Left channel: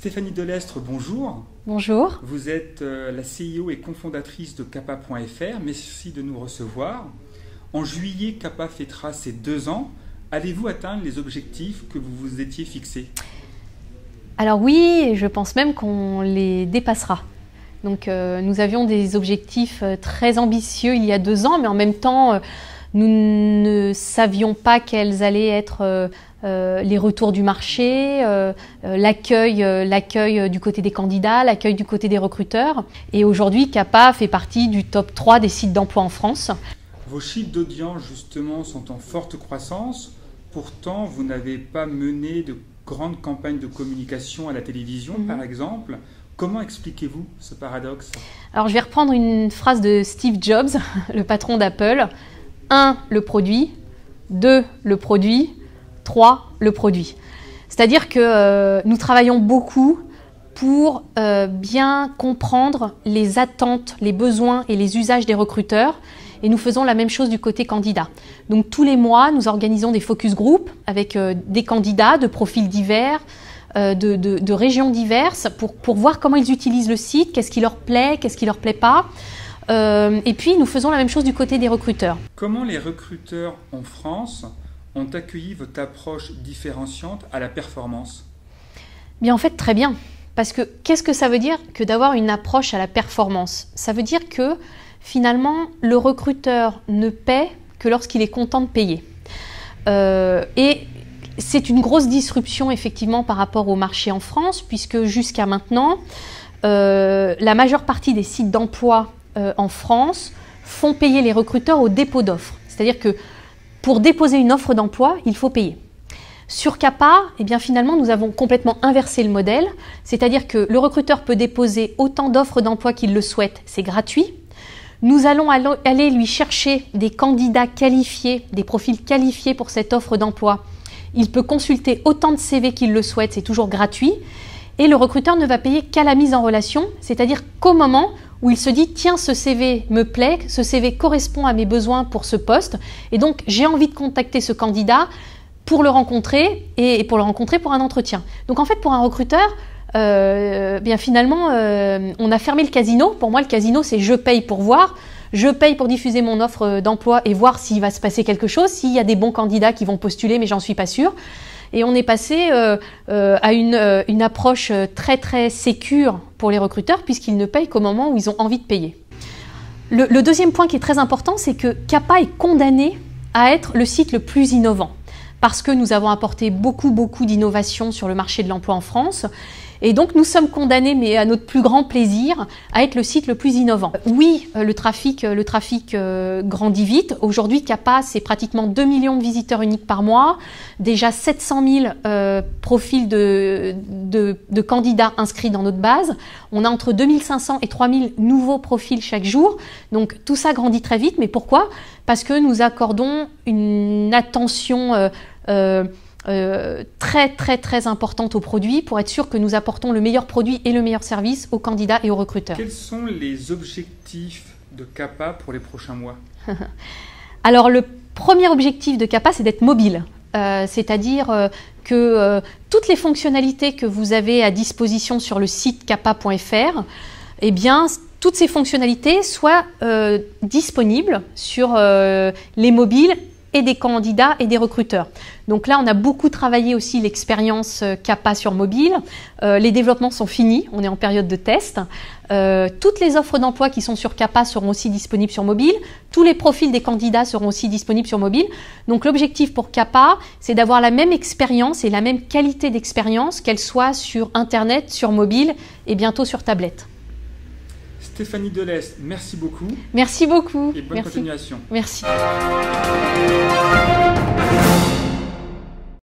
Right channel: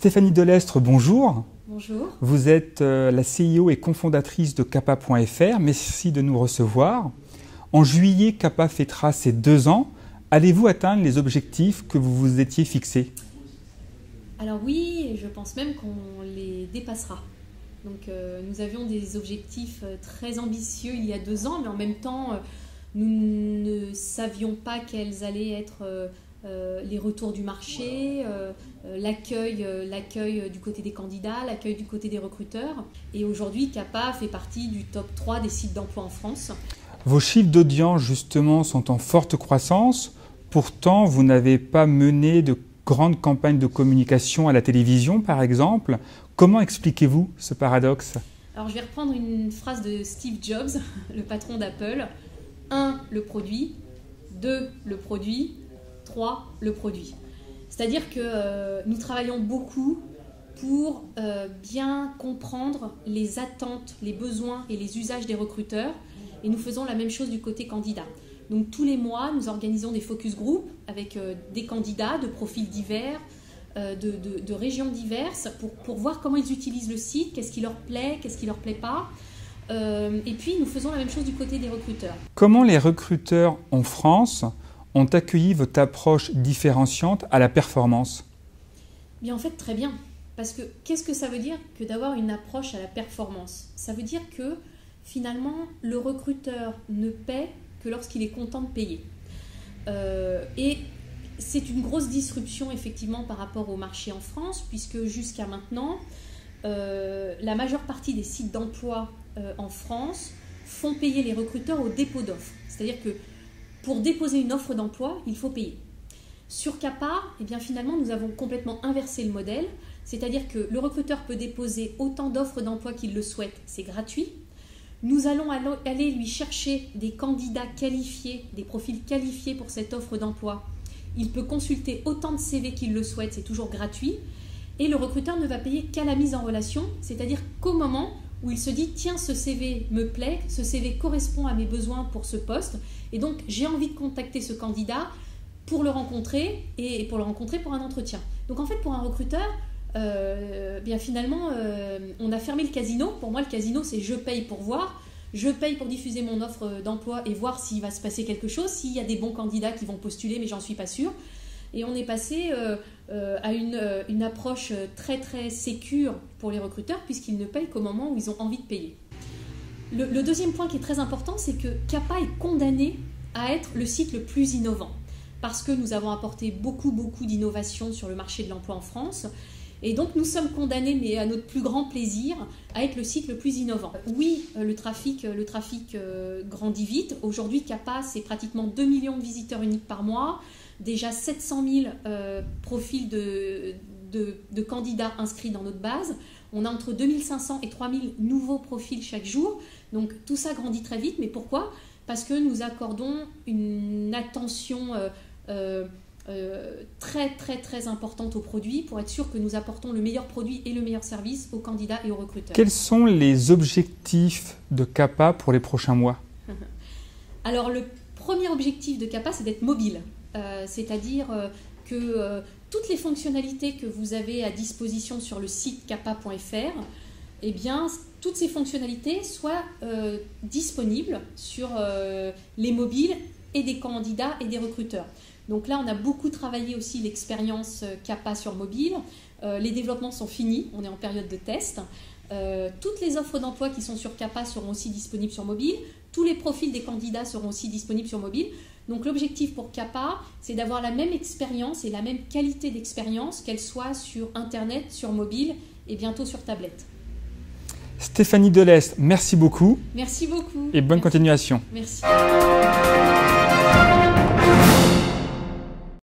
Stéphanie Delestre, bonjour. Bonjour. Vous êtes la CEO et cofondatrice de Kappa.fr. Merci de nous recevoir. En juillet, Kappa fêtera ses 2 ans. Allez-vous atteindre les objectifs que vous vous étiez fixés? Alors oui, je pense même qu'on les dépassera. Donc nous avions des objectifs très ambitieux il y a 2 ans, mais en même temps, nous ne savions pas quels allaient être les retours du marché, l'accueil du côté des candidats, l'accueil du côté des recruteurs. Et aujourd'hui, Kappa fait partie du top 3 des sites d'emploi en France. Vos chiffres d'audience, justement, sont en forte croissance. Pourtant, vous n'avez pas mené de grandes campagnes de communication à la télévision, par exemple. Comment expliquez-vous ce paradoxe? Alors, je vais reprendre une phrase de Steve Jobs, le patron d'Apple. 1, le produit. 2, le produit. 3, le produit. C'est-à-dire que nous travaillons beaucoup pour bien comprendre les attentes, les besoins et les usages des recruteurs. Et nous faisons la même chose du côté candidat. Donc tous les mois, nous organisons des focus group avec des candidats de profils divers, de régions diverses pour voir comment ils utilisent le site, qu'est-ce qui leur plaît, qu'est-ce qui leur plaît pas. Et puis nous faisons la même chose du côté des recruteurs. Comment les recruteurs en France ont accueilli votre approche différenciante à la performance? Bien, en fait, très bien. Parce que qu'est-ce que ça veut dire que d'avoir une approche à la performance? Ça veut dire que finalement, le recruteur ne paie que lorsqu'il est content de payer. Et c'est une grosse disruption effectivement par rapport au marché en France, puisque jusqu'à maintenant, la majeure partie des sites d'emploi en France font payer les recruteurs au dépôt d'offres. C'est-à-dire que pour déposer une offre d'emploi, il faut payer. Sur Kappa, eh bien finalement, nous avons complètement inversé le modèle, c'est-à-dire que le recruteur peut déposer autant d'offres d'emploi qu'il le souhaite, c'est gratuit. Nous allons aller lui chercher des candidats qualifiés, des profils qualifiés pour cette offre d'emploi. Il peut consulter autant de CV qu'il le souhaite, c'est toujours gratuit. Et le recruteur ne va payer qu'à la mise en relation, c'est-à-dire qu'au moment où il se dit « tiens, ce CV me plaît, ce CV correspond à mes besoins pour ce poste, et donc j'ai envie de contacter ce candidat pour le rencontrer et pour le rencontrer pour un entretien ». Donc en fait, pour un recruteur, bien finalement, on a fermé le casino. Pour moi, le casino, c'est je paye pour voir, je paye pour diffuser mon offre d'emploi et voir s'il va se passer quelque chose, s'il y a des bons candidats qui vont postuler, mais j'en suis pas sûre. Et on est passé à une approche très très sécure pour les recruteurs, puisqu'ils ne payent qu'au moment où ils ont envie de payer. Le deuxième point qui est très important, c'est que Kappa est condamné à être le site le plus innovant, parce que nous avons apporté beaucoup d'innovations sur le marché de l'emploi en France. Et donc nous sommes condamnés, mais à notre plus grand plaisir, à être le site le plus innovant. Oui, le trafic grandit vite. Aujourd'hui, Kappa, c'est pratiquement 2 millions de visiteurs uniques par mois, déjà 700 000 profils de candidats inscrits dans notre base. On a entre 2500 et 3000 nouveaux profils chaque jour. Donc tout ça grandit très vite. Mais pourquoi? Parce que nous accordons une attention très importante aux produits pour être sûr que nous apportons le meilleur produit et le meilleur service aux candidats et aux recruteurs. Quels sont les objectifs de Kappa pour les prochains mois? Alors le premier objectif de Kappa, c'est d'être mobile. C'est-à-dire que toutes les fonctionnalités que vous avez à disposition sur le site kappa.fr, eh bien, toutes ces fonctionnalités soient disponibles sur les mobiles et des candidats et des recruteurs. Donc là, on a beaucoup travaillé aussi l'expérience Kappa sur mobile. Les développements sont finis, on est en période de test. Toutes les offres d'emploi qui sont sur Kappa seront aussi disponibles sur mobile. Tous les profils des candidats seront aussi disponibles sur mobile. Donc l'objectif pour Kappa, c'est d'avoir la même expérience et la même qualité d'expérience, qu'elle soit sur Internet, sur mobile et bientôt sur tablette. Stéphanie Delestre, merci beaucoup. Merci beaucoup. Et bonne continuation. Merci.